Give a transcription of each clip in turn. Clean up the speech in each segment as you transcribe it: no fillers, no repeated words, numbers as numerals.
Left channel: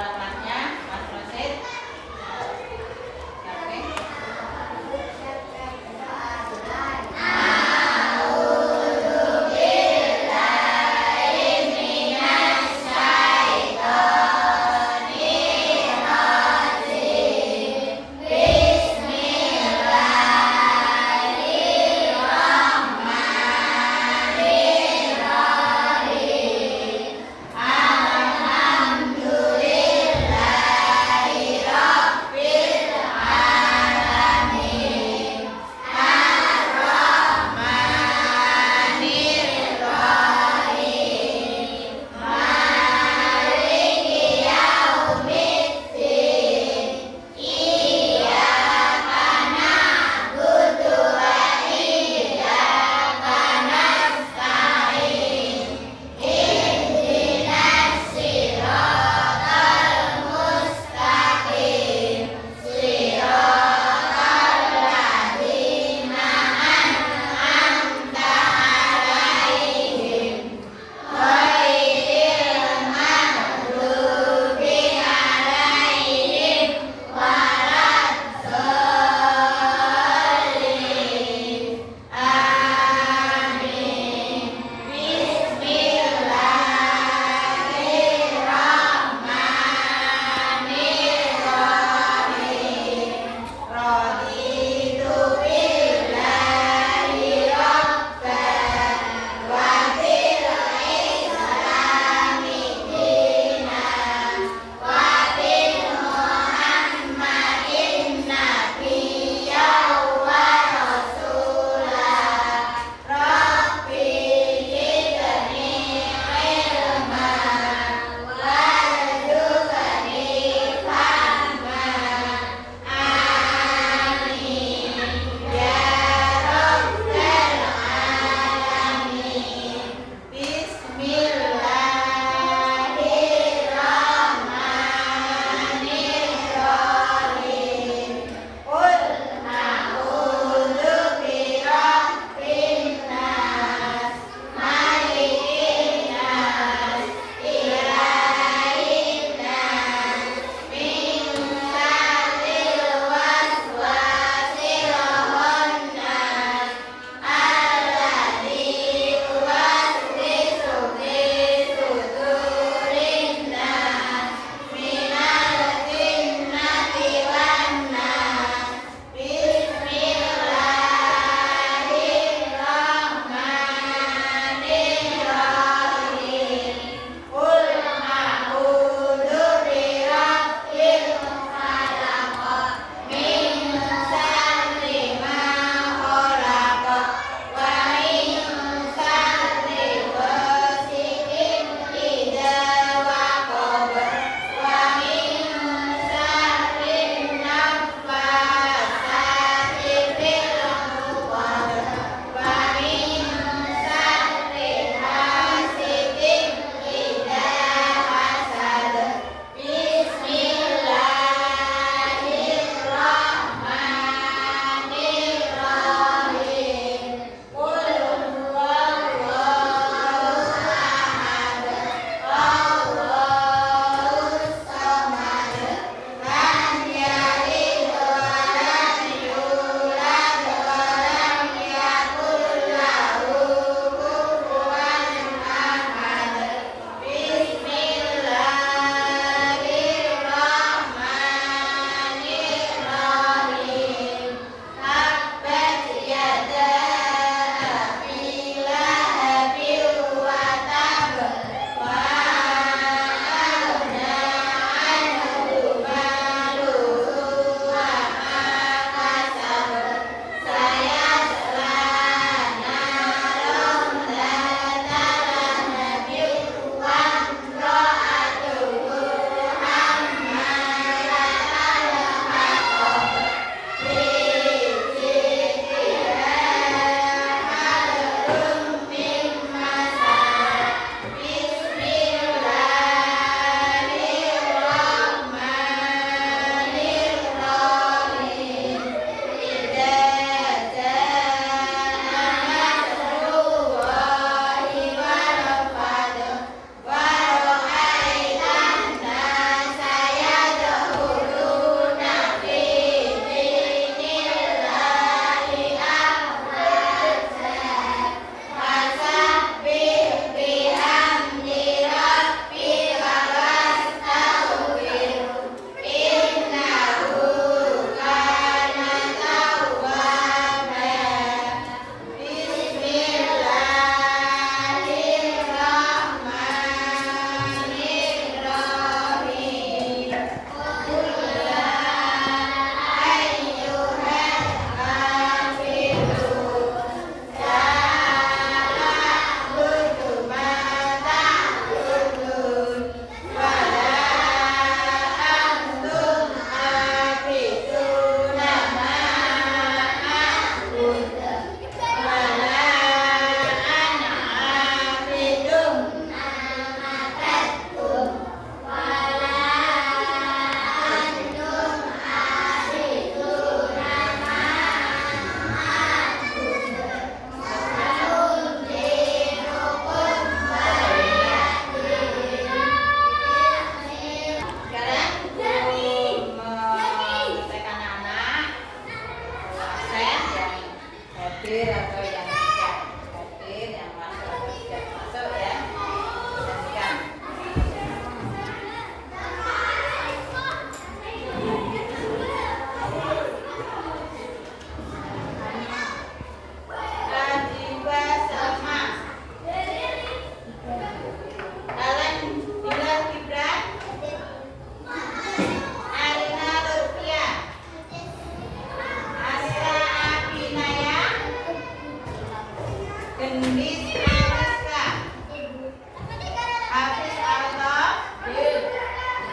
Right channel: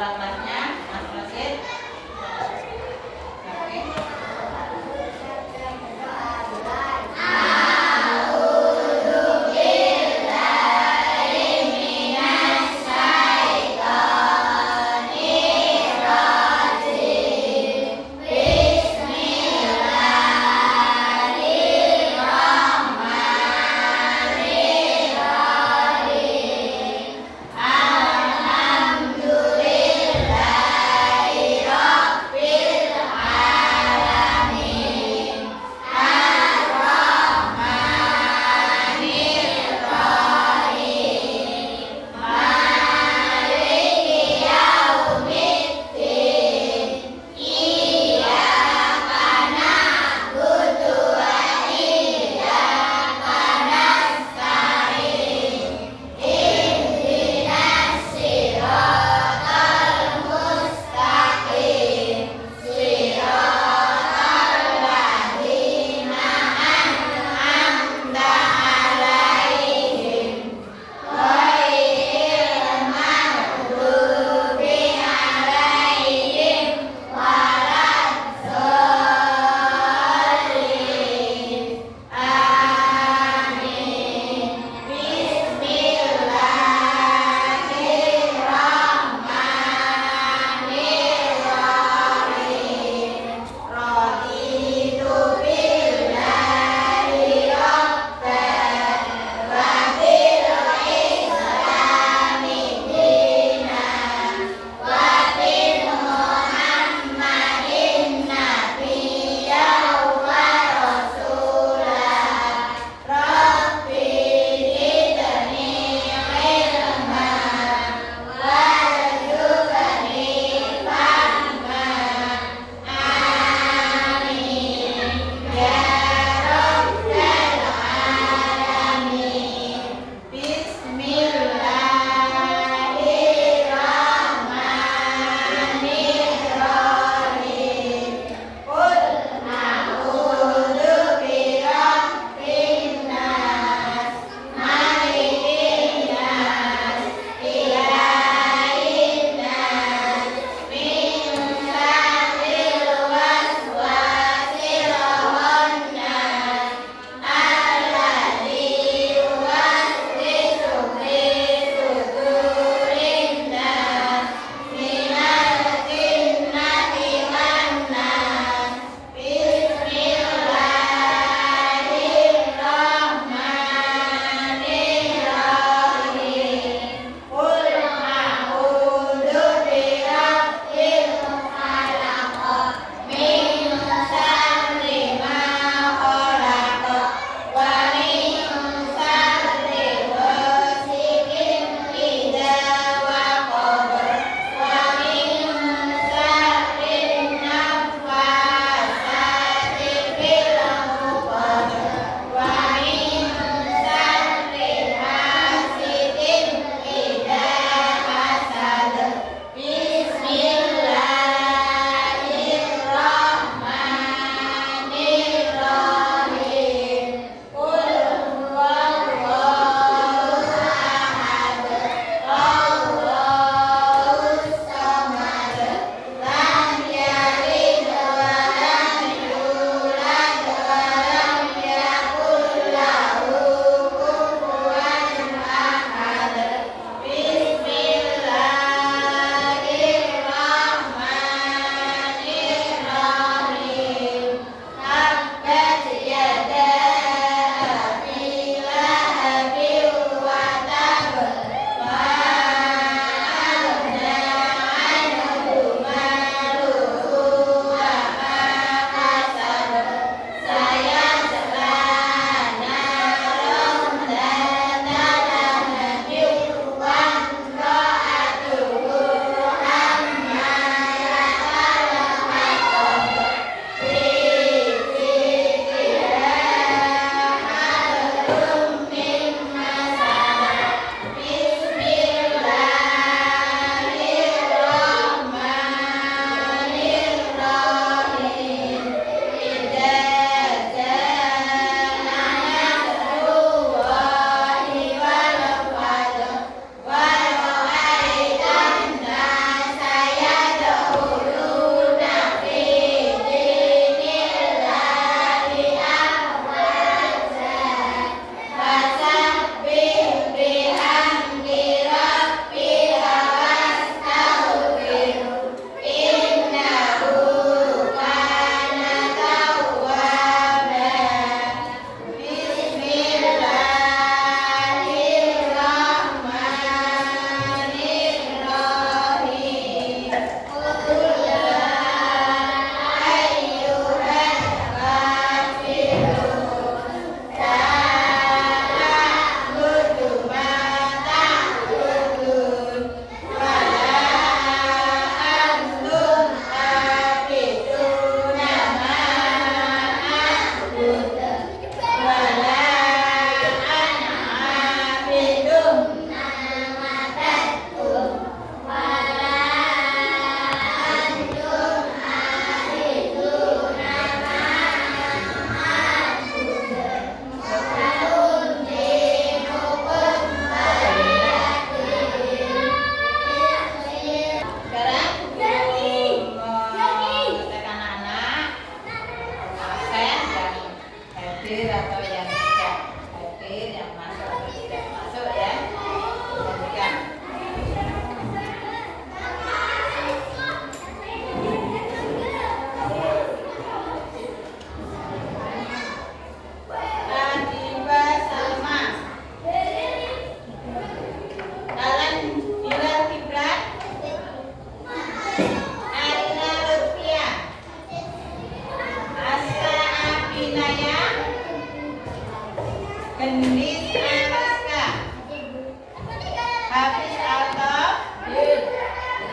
kelasnya Mas Rosid. Alhamdulillah.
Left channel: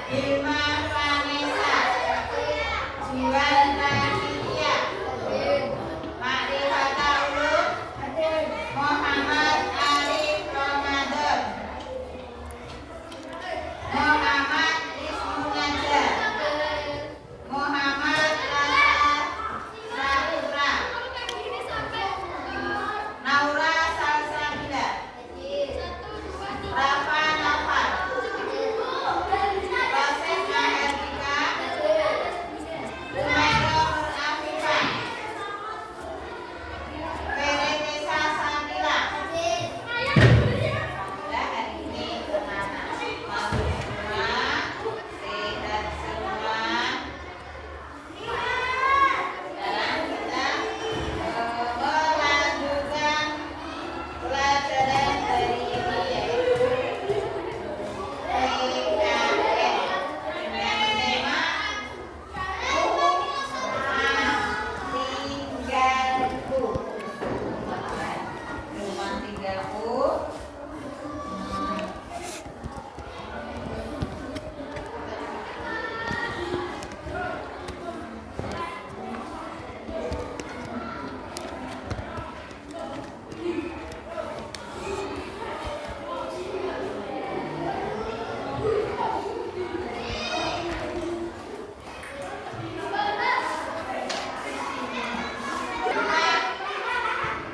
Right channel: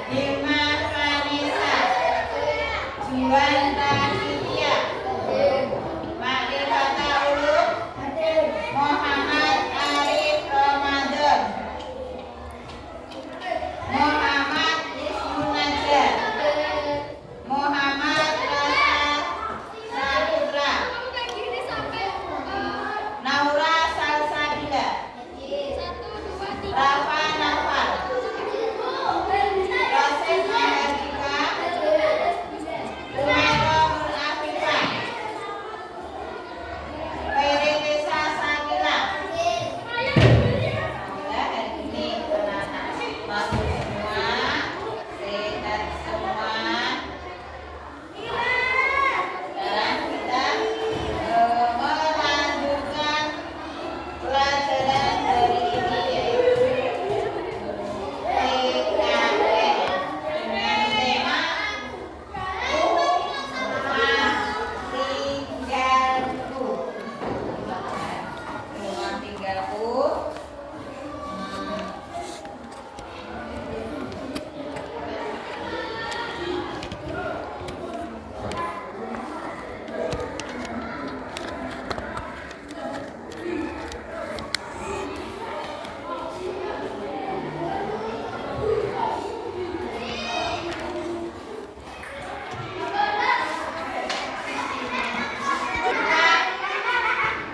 Hilma Vanessa, Juan Rakitia, Makrifata Ulum, Muhammad Arif Ramadan, Muhammad Ismunajar, Muhammad Rasa Saputra, Naura Salsabila, Rafa Nafal, Rasen Mahardika, Rumero Afifah, Ferenesa Sakila. Alhamdulillah hari ini anak-anak bagus semua, sehat semua. Sekarang kita melanjutkan pelajaran hari ini yaitu PKN dengan tema Rumah Tinggalku. Rumah tinggalku.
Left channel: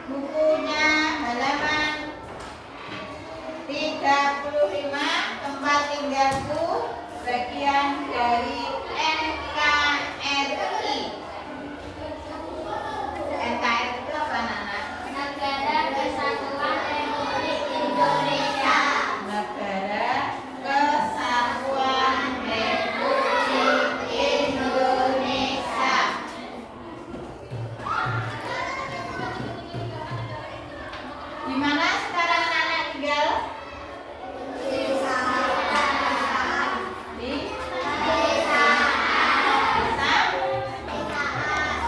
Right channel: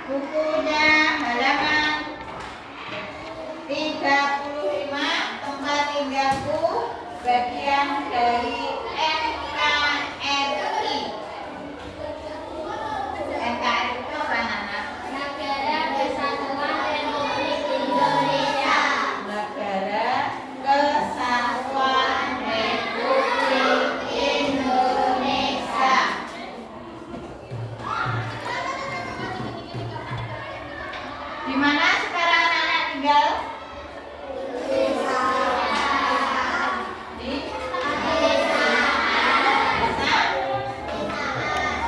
Bukunya halaman 35, tempat tinggalku, bagian dari NKRI. NKRI itu apa, Nana? Negara Kesatuan Republik Indonesia. Negara Kesatuan Republik Indonesia. Di mana sekarang anak tinggal? Di desa.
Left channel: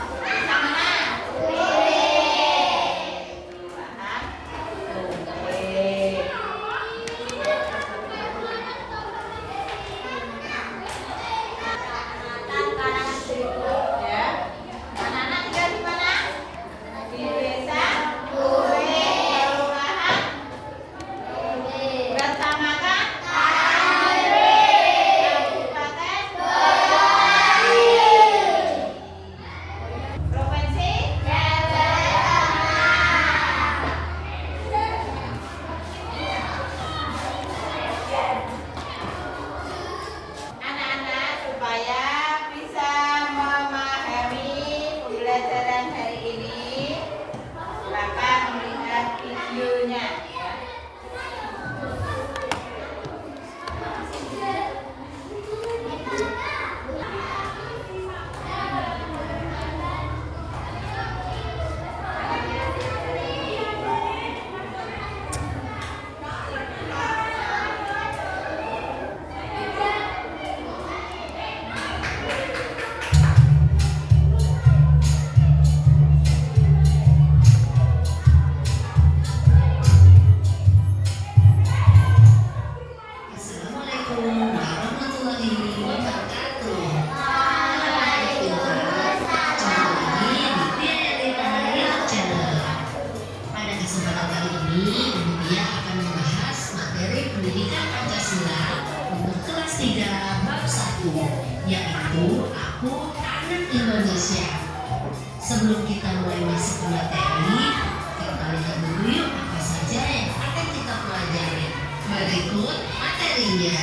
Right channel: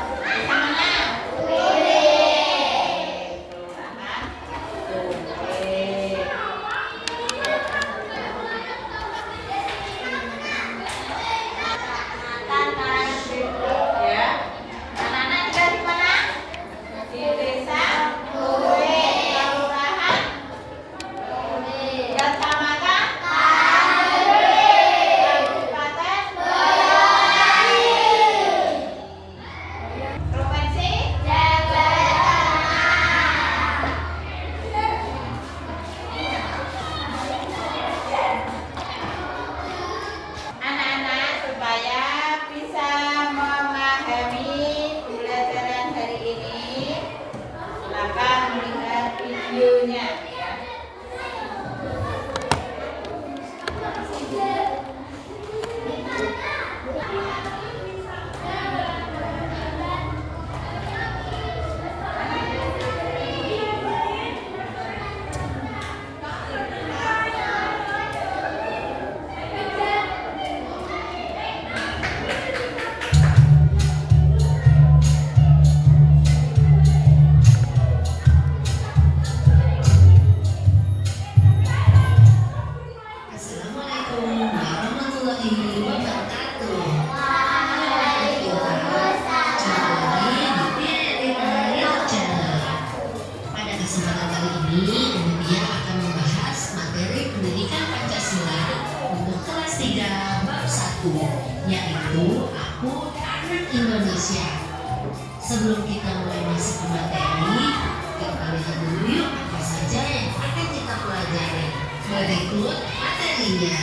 Desa mana? Kelurahan. Oke. Ya. Anak-anak tinggal di mana? Di desa Lure, kelurahan Kecamatan Kabupaten Provinsi anak-anak supaya bisa memahami pembelajaran hari ini, silakan melihat videonya ya. Assalamualaikum warahmatullahi wabarakatuh. Jumpa lagi di Pianeta YouTube Channel. Pada kesempatan kali ini, Mutia akan membahas materi pendidikan Pancasila untuk kelas 3 bab 1, yaitu Aku Anak Indonesia. Sebelum kita mulai masuk ke materi, kita lihat dulu yuk apa saja yang akan kita pelajari. Berikut materinya.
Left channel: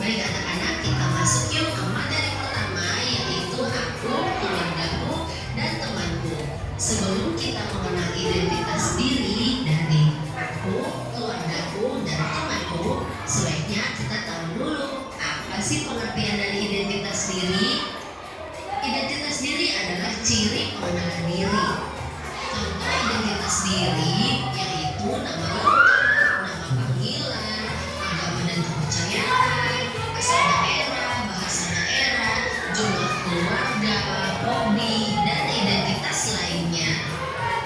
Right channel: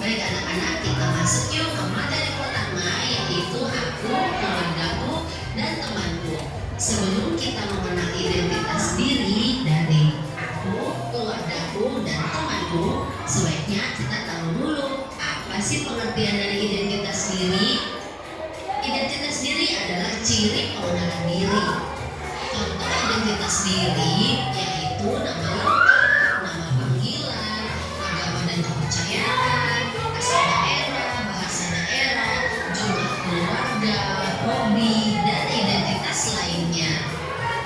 Baik anak-anak, kita masuk yuk ke materi pertama, yaitu aku, keluargaku, dan temanku. Sebelum kita mengenal identitas diri dari aku, keluargaku, dan temanku, sebaiknya kita tahu dulu apa sih pengertian dari identitas diri. Identitas diri adalah ciri pengenalan diri. Contoh identitas diri yaitu nama lengkap, nama panggilan, agama dan kepercayaan, asal daerah, bahasa daerah, jumlah keluarga, hobi, dan identitas lainnya.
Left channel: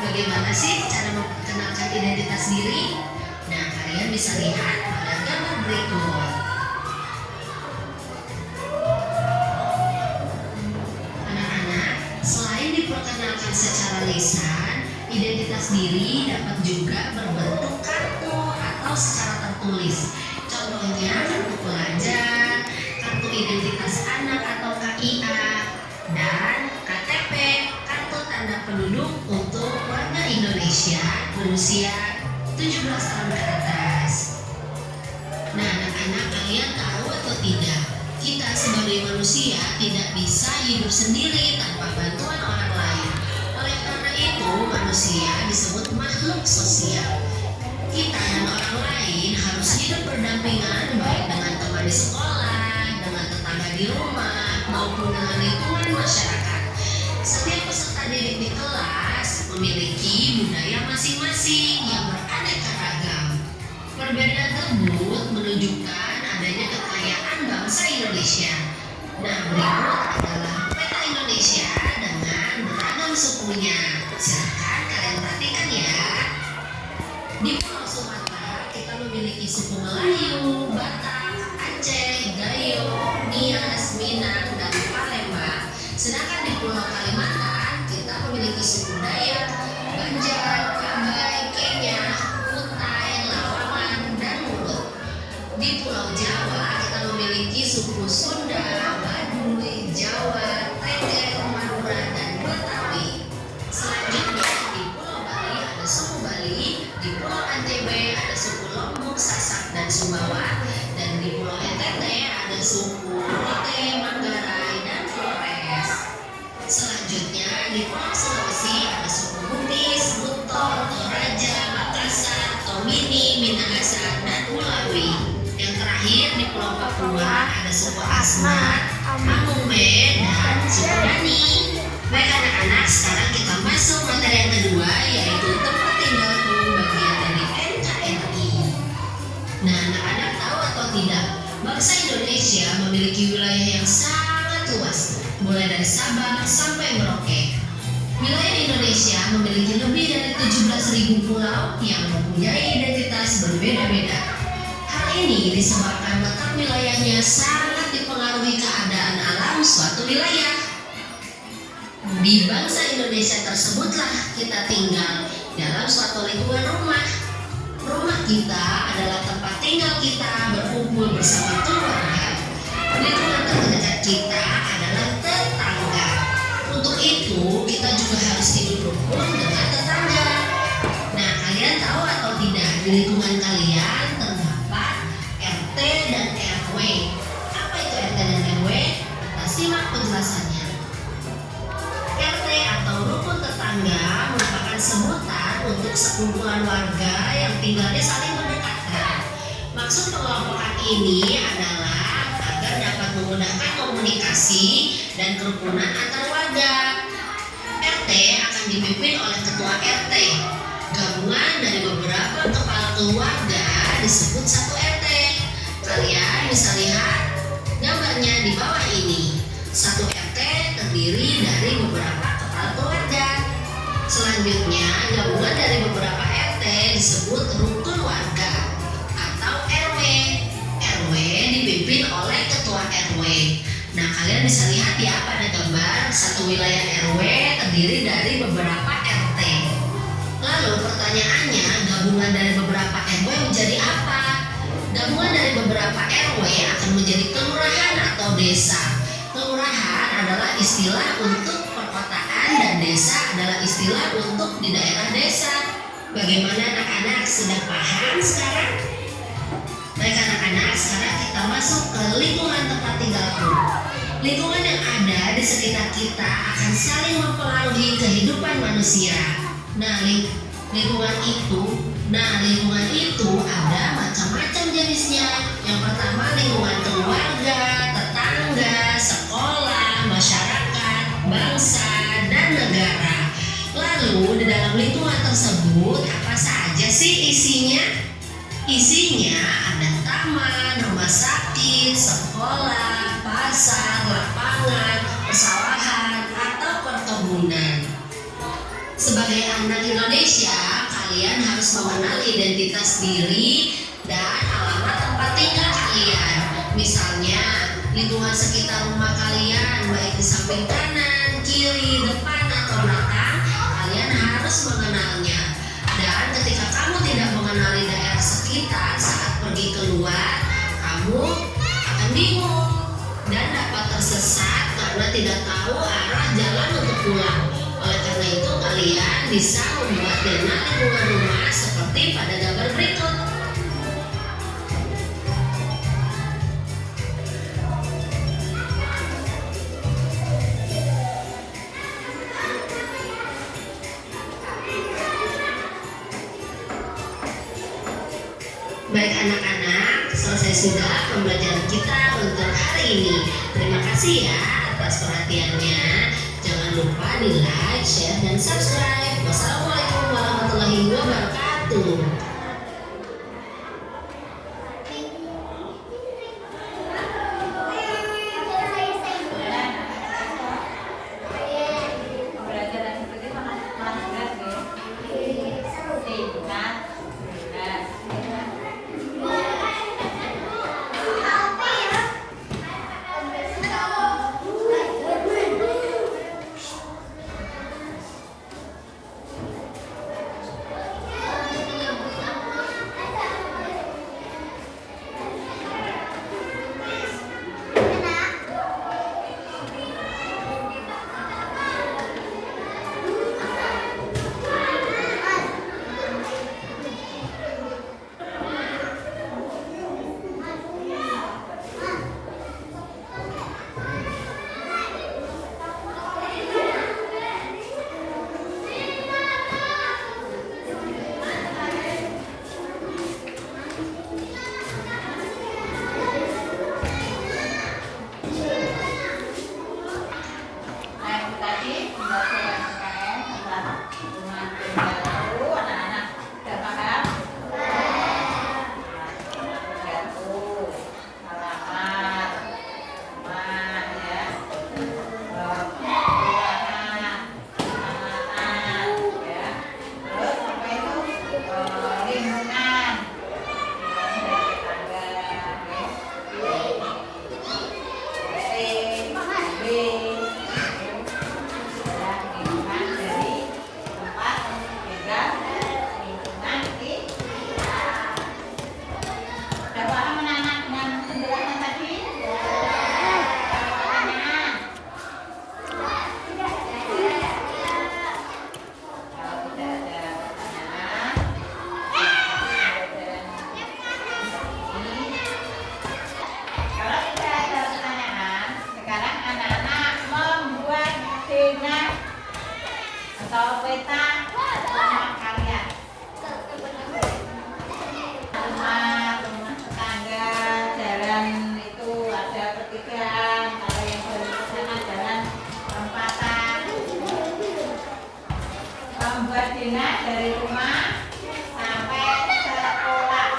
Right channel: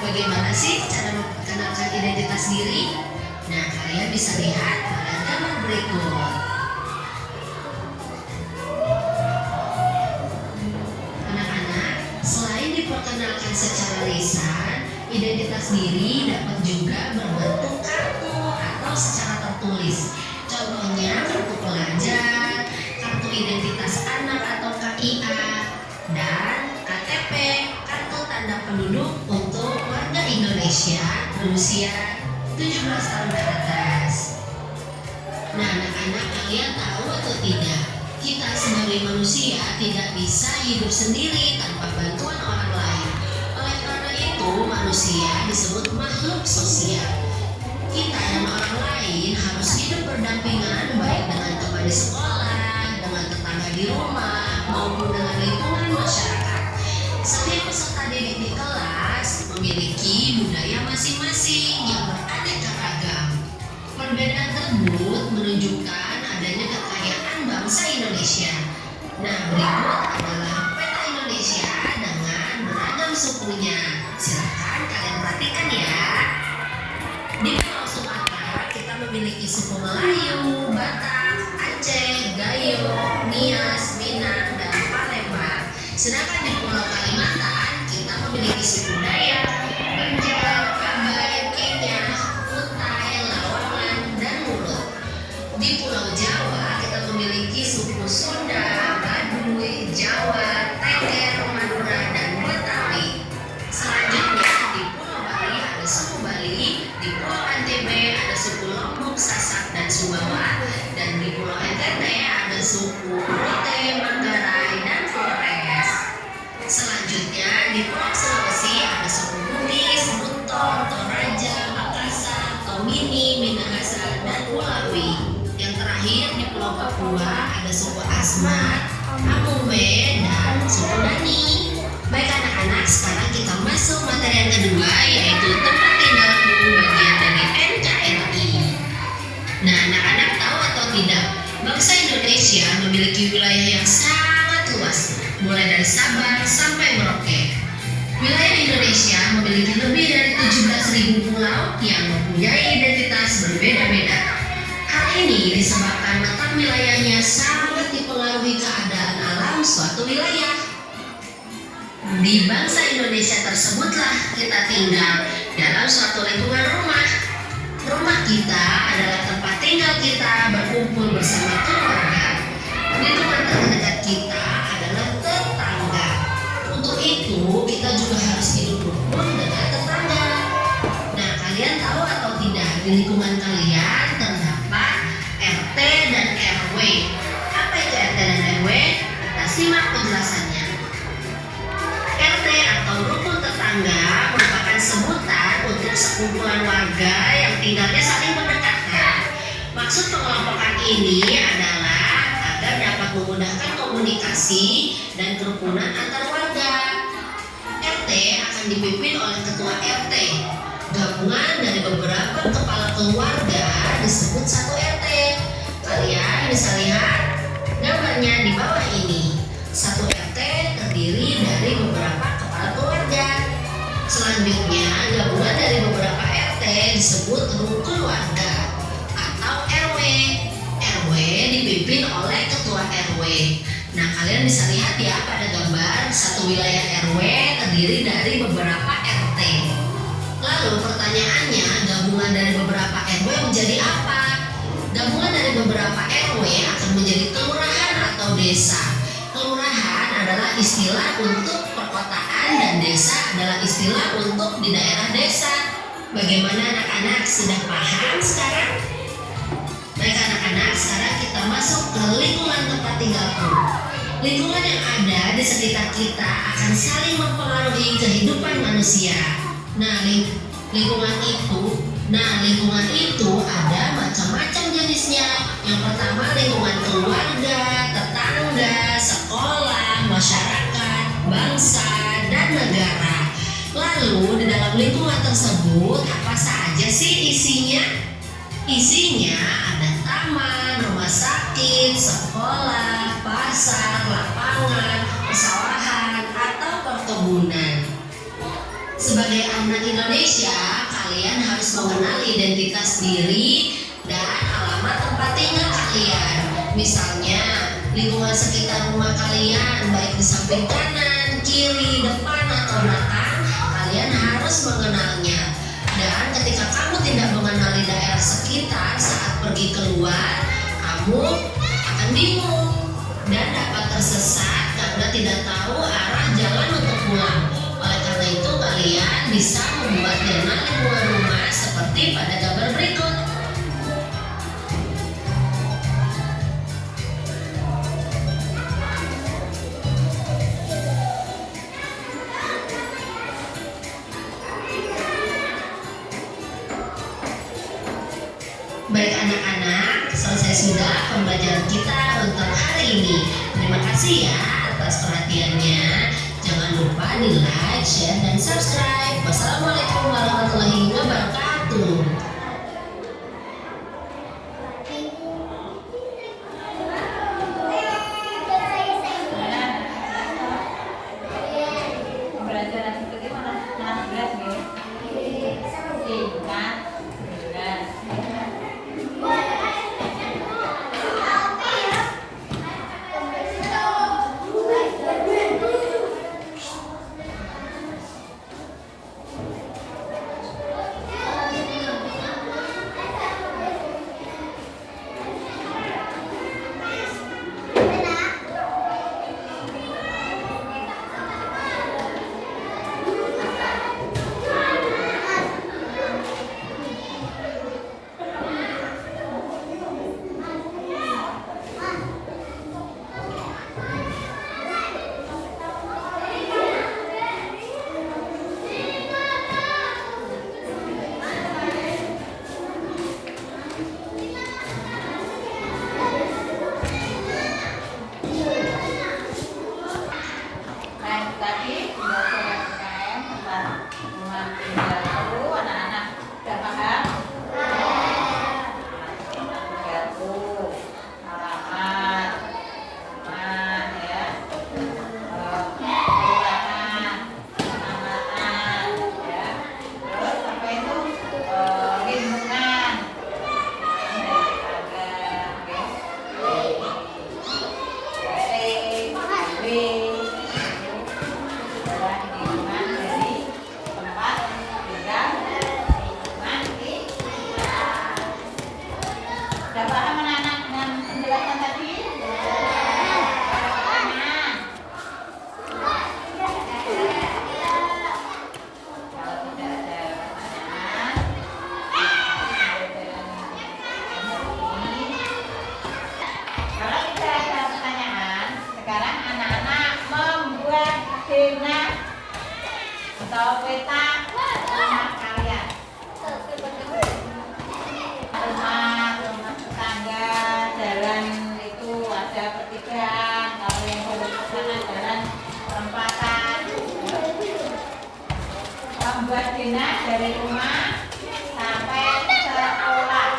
Bagaimana sih cara memperkenalkan identitas diri? Nah, kalian bisa lihat pada berikut. Anak-anak, selain diperkenalkan secara lisan, identitas diri dapat juga berbentuk kartu atau secara tertulis. Contohnya kartu pelajar, kartu identitas anak atau KIA, dan KTP, kartu tanda penduduk untuk warga Indonesia berusia 17 tahun ke atas. Nah, anak-anak, kalian tahu atau tidak? Kita sebagai manusia tidak bisa hidup sendiri tanpa bantuan orang lain. Oleh karena itu, manusia disebut makhluk sosial. Kita dan orang lain harus hidup berdampingan baik dengan teman di sekolah, dengan tetangga di rumah, maupun dengan lingkungan masyarakat. Setiap peserta didik di kelas memiliki budaya masing-masing yang beraneka ragam. Perbedaan tersebut menunjukkan adanya kekayaan bangsa Indonesia. Nah, berikut adalah peta Indonesia dengan beragam sukunya. Silakan kalian perhatikan ya. Di Pulau Sumatera kita memiliki suku Melayu, Batak, Aceh, Gayo, Nias, Minang, dan Palembang. Sedangkan di Pulau Kalimantan kita memiliki suku Dayak, Banjar, Kabai, Kenyah, Kutai, Lawangan, dan Mulut. Di Pulau Jawa kita memiliki suku Sunda, Baduy, Jawa, Tengger, Madura, dan Betawi. Selanjutnya di Pulau Bali ada suku Bali, di Pulau Antebe ada suku Lombok, Sasak, dan Sumbawa, dan di Pulau NTT ada suku Rote, Manggarai, dan Flores. Selanjutnya di Pulau Sulawesi ada suku Bugis, Buton, Toraja, Makassar, Tomini, Minahasa, dan Mulawi. Yang terakhir di Pulau Papua ada suku Asmat, Amungbe, dan suku Dani. Baik anak-anak, sekarang kita masuk materi yang kedua, yaitu tempat tinggalku bagian dari NKRI. Nah, anak-anak tahu atau tidak, bangsa Indonesia memiliki wilayah yang sangat luas, mulai dari Sabang sampai Merauke. Wilayah Indonesia memiliki lebih dari 17.000 pulau yang mempunyai identitas berbeda-beda. Hal ini disebabkan letak wilayahnya sangat dipengaruhi keadaan alam suatu wilayah. Di bangsa Indonesia tersebutlah kita tinggal dalam suatu lingkungan rumah. Rumah kita adalah tempat tinggal kita berkumpul bersama keluarga. Lingkungan terdekat kita adalah tetangga. Untuk itu, kita juga harus hidup rukun dengan tetangga. Nah, kalian tahu atau tidak, di lingkungan kalian terdapat RT dan RW. Apa itu RT dan RW? Kita simak penjelasannya. RT atau rukun tetangga merupakan sebutan untuk sekumpulan warga yang tinggalnya saling berdekatan. Maksud pengelompokan ini adalah agar dapat memudahkan komunikasi dan kerukunan antar warga. RT akan dipimpin oleh ketua RT. Gabungan dari beberapa kepala keluarga disebut satu RT. Kalian bisa lihat gambarnya di bawah ini. Satu RT terdiri dari beberapa kepala keluarga. Selanjutnya, gabungan dari beberapa RT disebut rukun warga atau RW. RW dipimpin oleh ketua RW. Nah, kalian bisa lihat ya pada gambar satu wilayah RW terdiri dari beberapa RT. Lalu pertanyaannya, gabungan dari beberapa RW menjadi apa? Gabungan dari beberapa RW akan menjadi kelurahan atau desa. Kelurahan adalah istilah untuk perkotaan dan desa adalah istilah untuk di daerah desa. Bagaimana anak-anak, sudah paham sekarang? Baik anak-anak, sekarang kita masuk ke lingkungan tempat tinggalku. Lingkungan yang ada di sekitar kita akan saling mempengaruhi kehidupan manusia. Nah, lingkungan itu ada macam-macam jenisnya. Yang pertama, lingkungan keluarga, tetangga, sekolah, masyarakat, bangsa, dan negara. Lalu di dalam lingkungan tersebut apa saja sih isinya? Isinya ada taman, rumah sakit, sekolah, pasar, lapangan, pesawahan, atau perkebunan. Sebagai anak Indonesia, kalian harus mengenal identitas diri dan alamat tempat tinggal Misalnya, lingkungan sekitar rumah kalian, baik di samping kanan, kiri, depan, atau belakang, kalian harus mengenalnya. Dan ketika kamu tidak mengenali daerah sekitar saat pergi keluar, kamu akan bingung dan dapat tersesat karena tidak tahu arah jalan untuk pulang. Oleh karena itu, kalian bisa membuat peta lingkungan rumah seperti pada gambar berikut. Baik anak-anak, selesai sudah pembelajaran kita untuk hari ini. Terima kasih ya atas perhatiannya. Jangan lupa di like, share, dan subscribe. Wassalamualaikum warahmatullahi wabarakatuh. Pembelajaran seperti mana jelas ya? Singkat, jelas. Tadi pembelajaran UKM tentang rumah tinggal baru, anak-anak sudah paham? Kartu, alamat, rumah ya, kelurahan, kecamatan ya, terus apa itu lingkungan, Udah paham anak-anak dengan penjelasan tadi? Ada pertanyaan? Kalau tidak ada pertanyaan, kalau tidak ada pertanyaan, sekarang anak-anak membuat peta atau peta rumah kalian. Rumah tetangga, jalan itu ada pertigaan, kalau yang dari sana jalan perempatan. Membuat peta dari rumah sampai sekolah.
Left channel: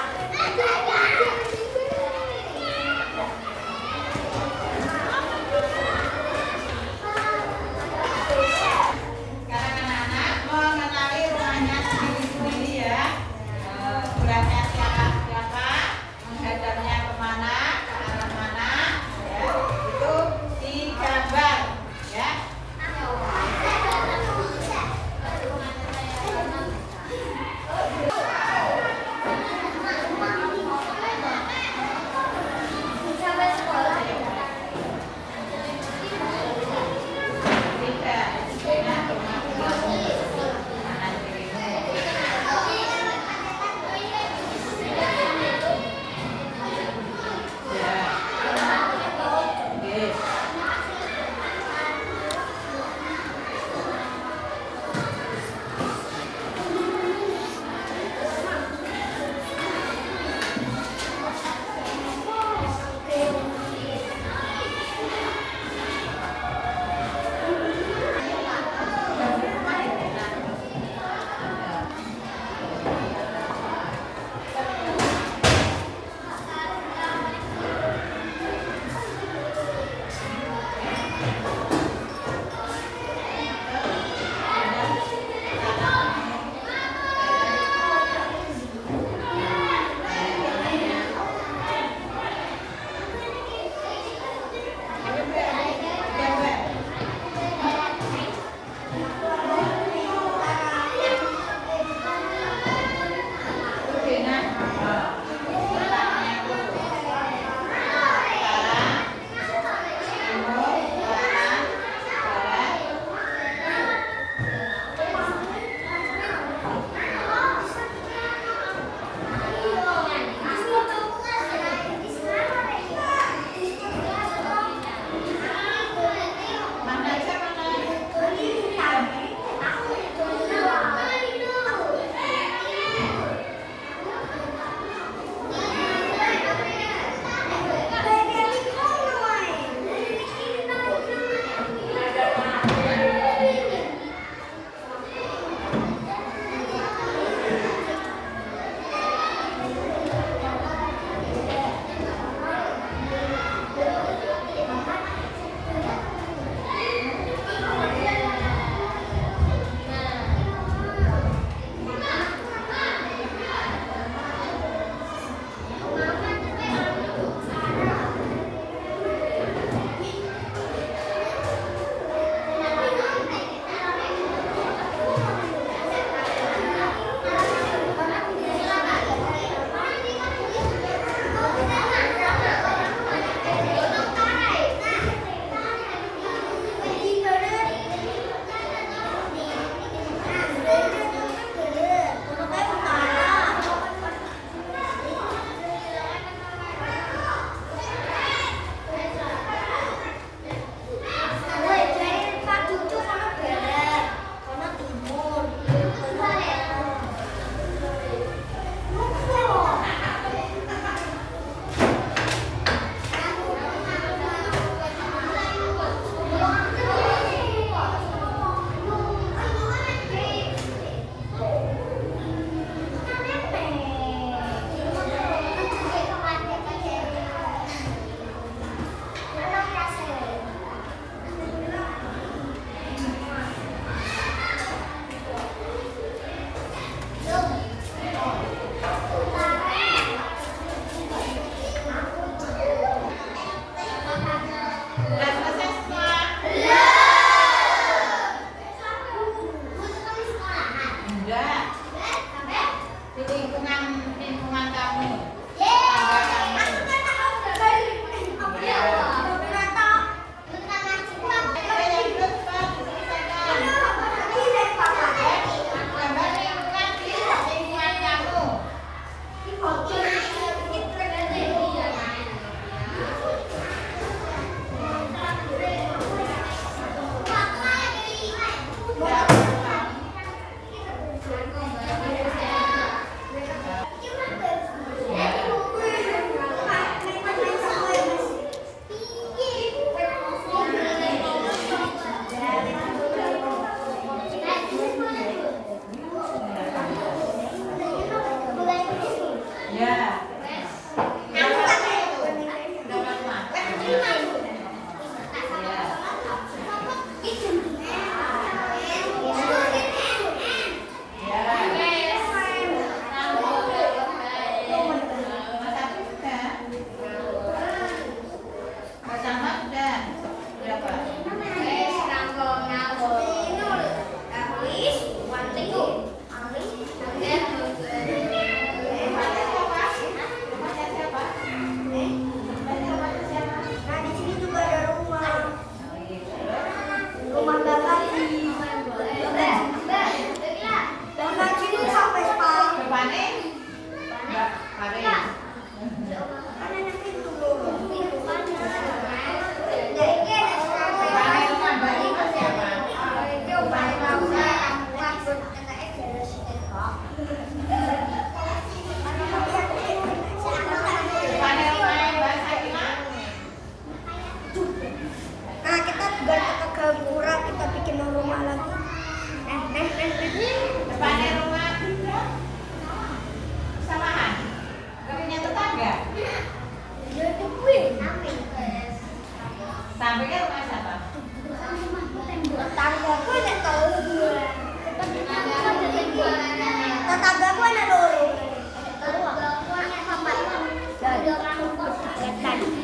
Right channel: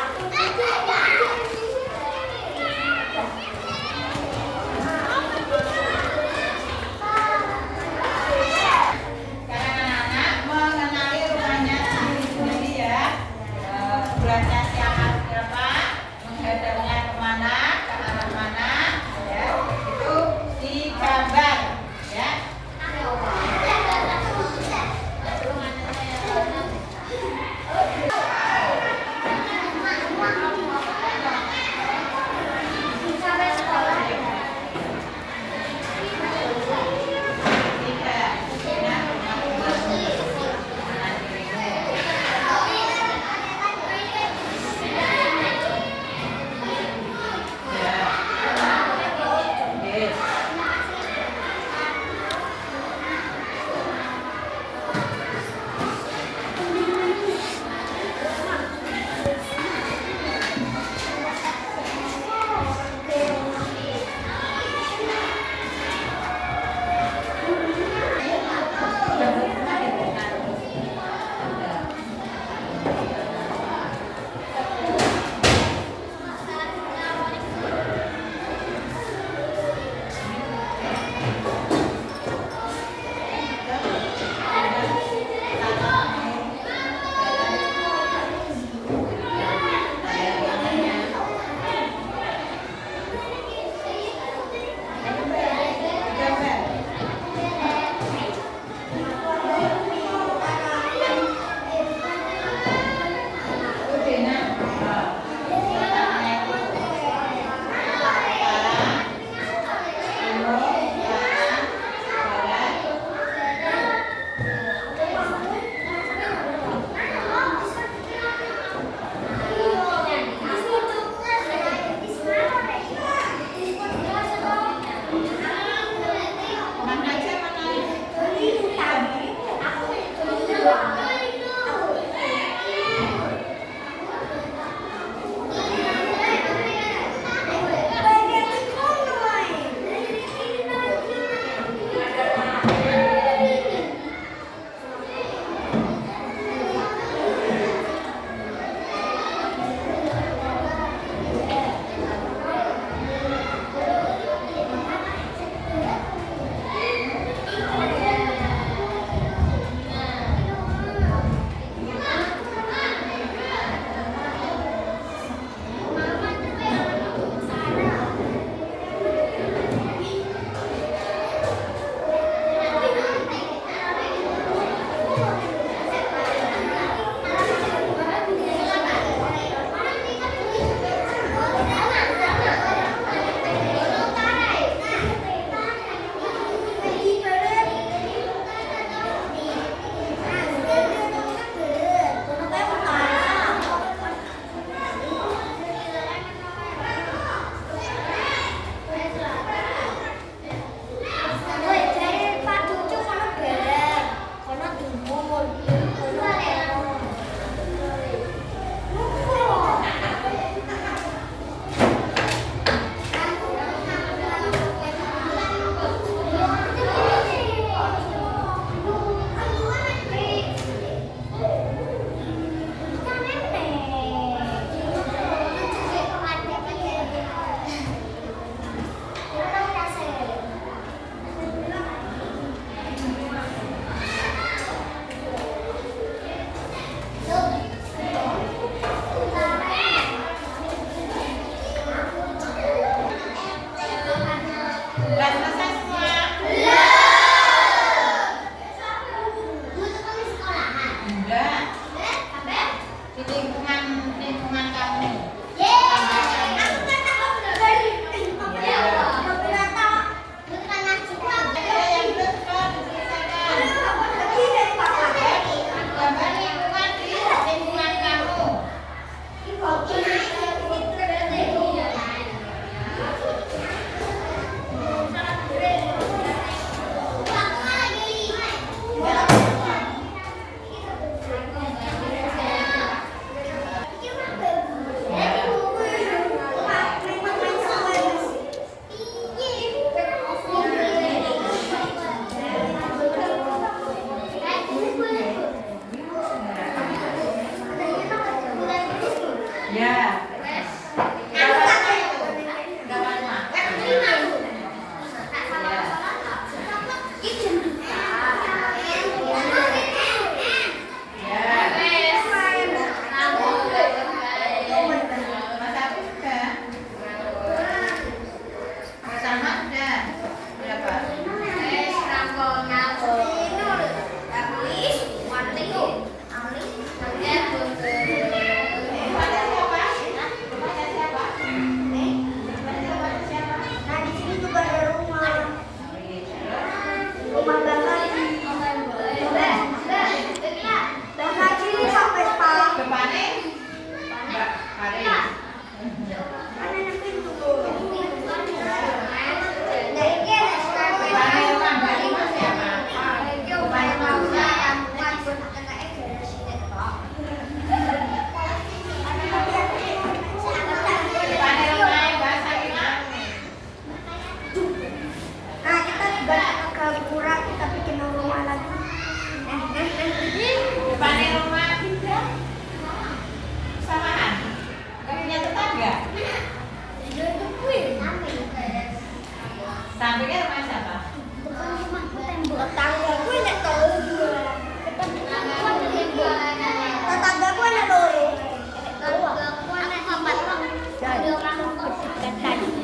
Sekarang anak-anak mengenali rumahnya sendiri-sendiri ya. Geraknya siapa, menghadapnya kemana, ke arah mana, ya itu digambar, ya.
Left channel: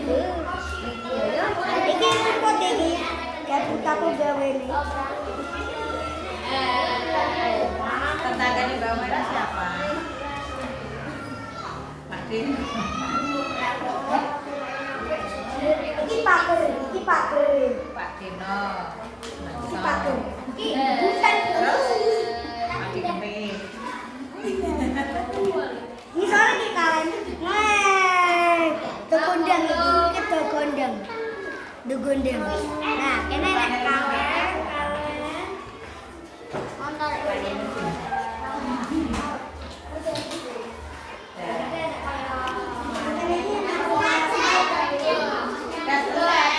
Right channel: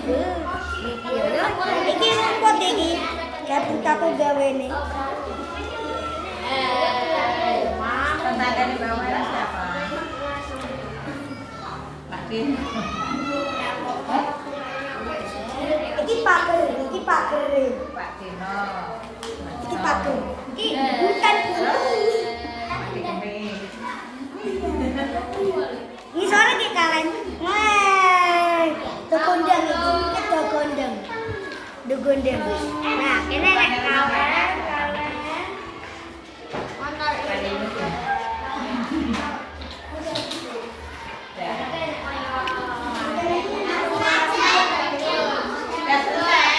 Iki rumput iki. Kapu gawe ini. Tetangga di bawah siapa? Pak Kim. Iki pager. Pak Kino. Iki pager. Iki bukan. Pak Kemi. Ini soalnya kayak kalian. Wah, dogondang iki dogondang. Nah, ini ada kawan. Udah selesai.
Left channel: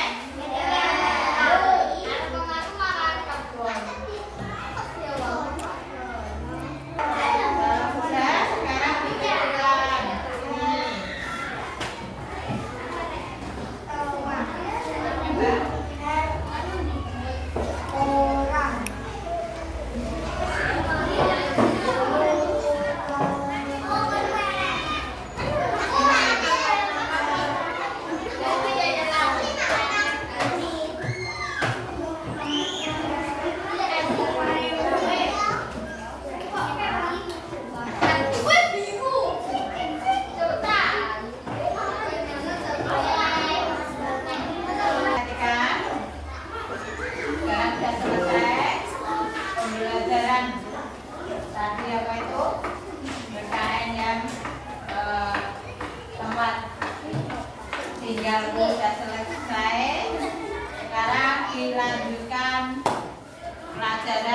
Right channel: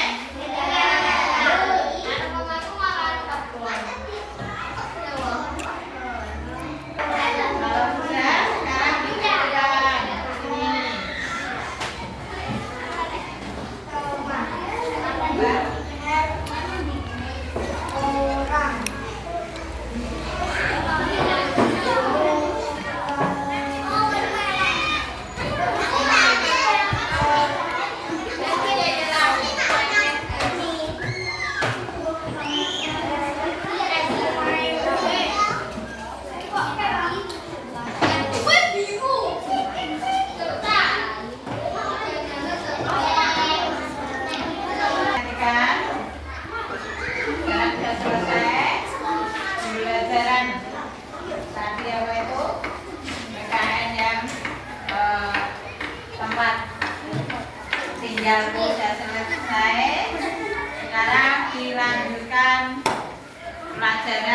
Kalau sudah, sekarang kita jalan. Perhatikan. Sekarang sudah selesai pembelajaran tadi apa itu PKN yang tempat tinggalku sudah selesai. Sekarang dilanjutkan pelajaran